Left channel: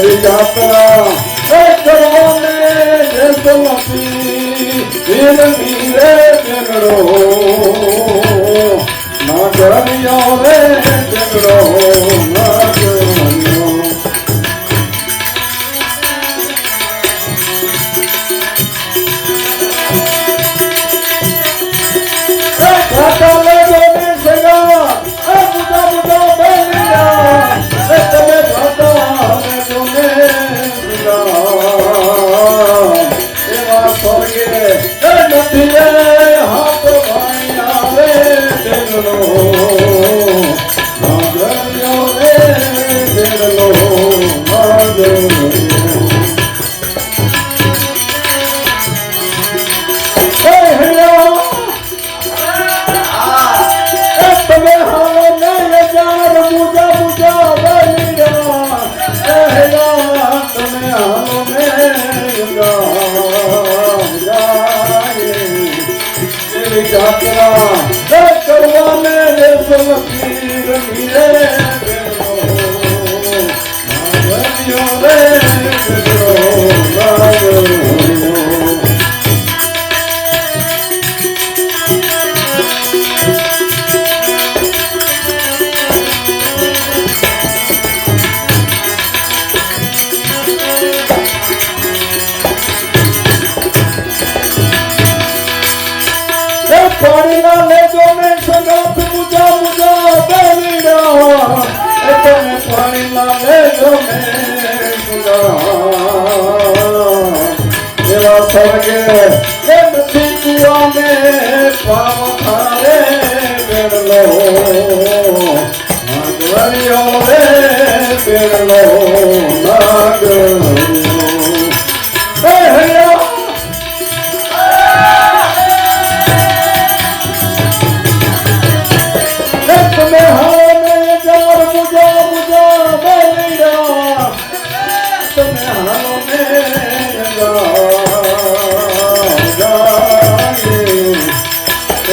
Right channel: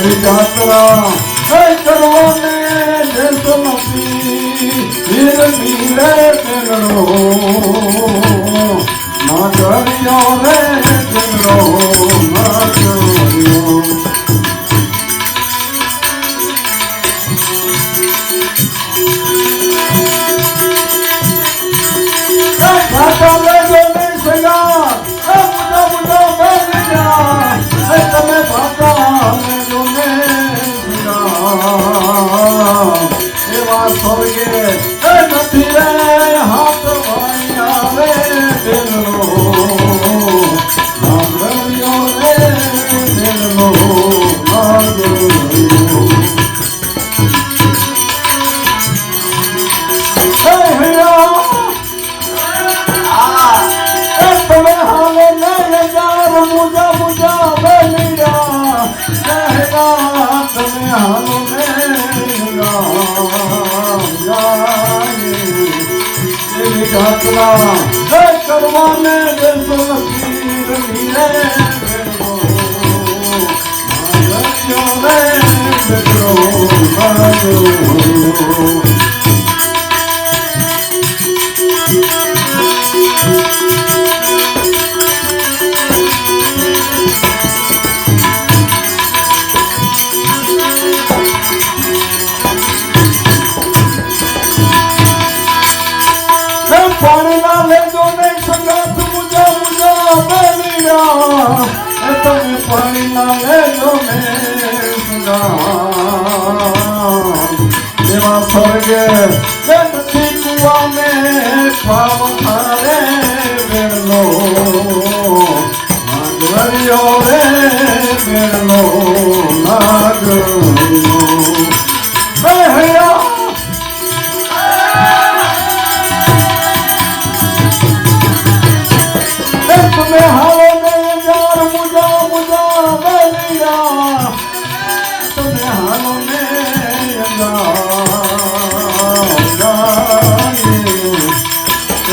જાત્રા હે કરવાને જે સમપી હિરની રે તેરો એવી જાત્રા હે કરવાને દે સલકી રમીરે બેનો નાગરિયો રે બેનો નાગરિયો એવા સ્વર્ગે એ બધી કુવાને પાવ થારે મેળલો નાગરિયો રે બેરલો.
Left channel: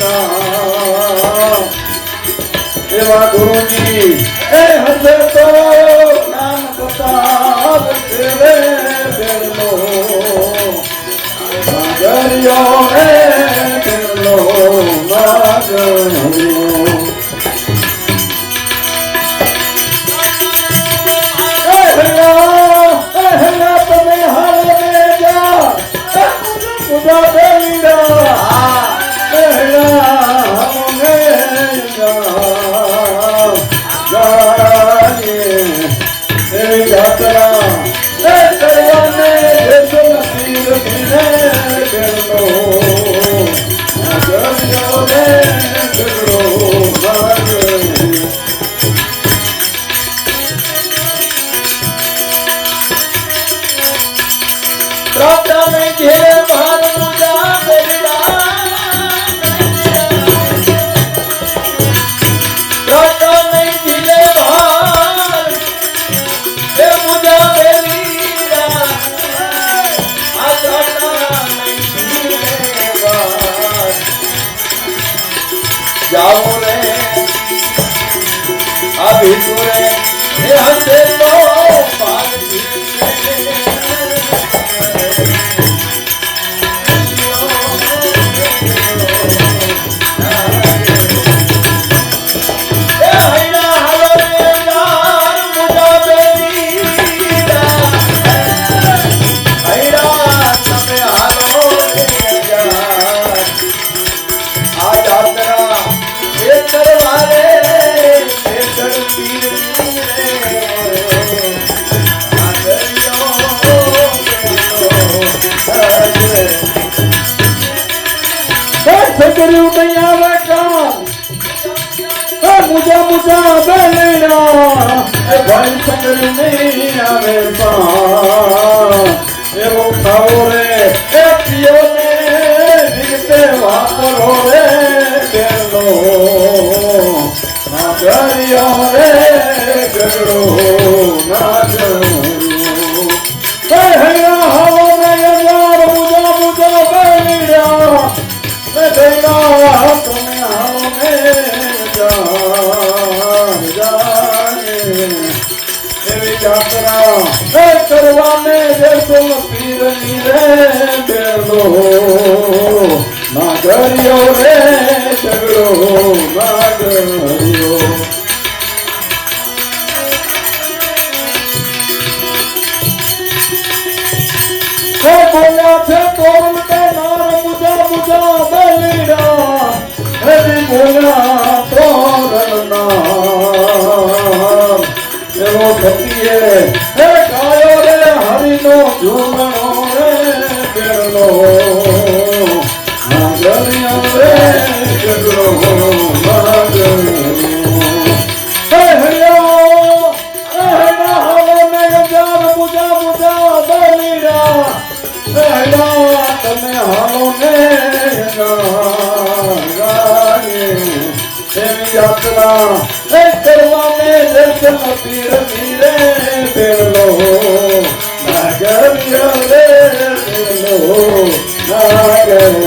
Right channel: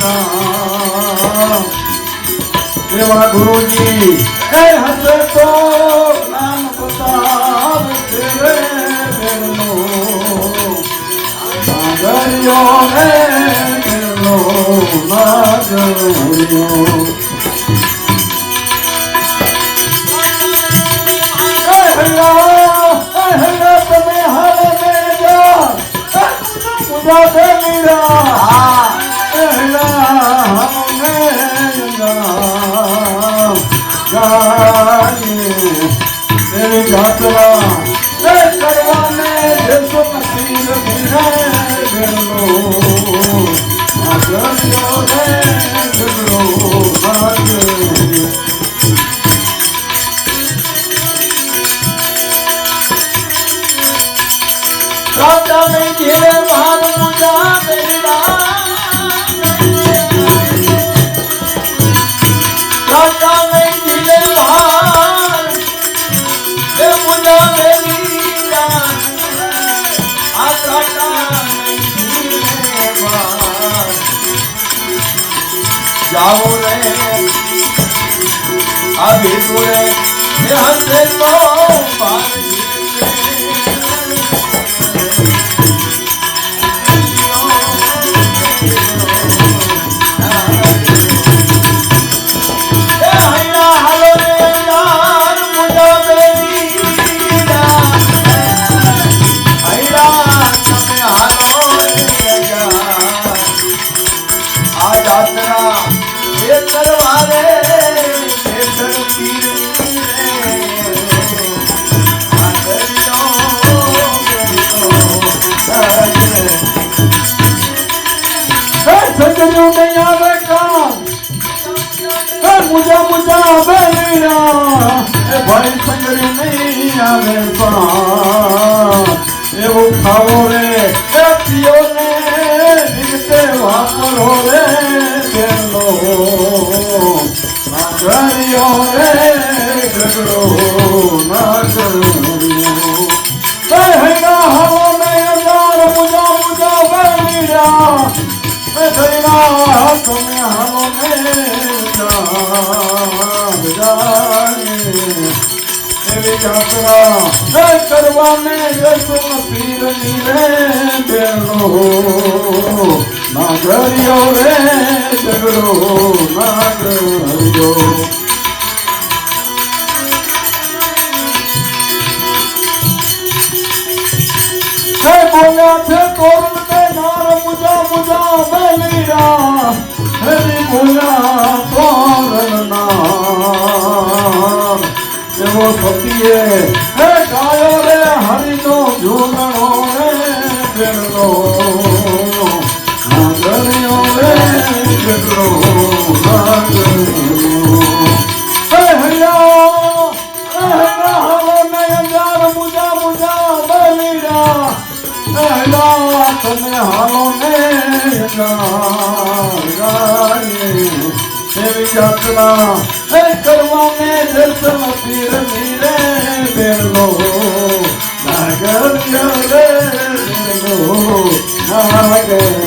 સદા એવા ગુરુજી. એ તો નામ બતાવ જાઓ રે આવી તુરે એ હંસે લો મુજા બેલીના એ ભાઈ સંગરી નહીં આવે એવો ખાવો રે જાતના એ કરવાને જશો પીરની રે બેલો ના કર્યો રે ઝઘડો ના બોલ્યા છે તોરણ કે બુજા મુજા બલિરા હે બોલ્યા એવો પતિએ, હે ગાયો રે, હરિનો ઝૂલણો રે બેલો નાગરિયો રે હે હૈયા હાલો ને કરવાને દર્શન પીર નાગર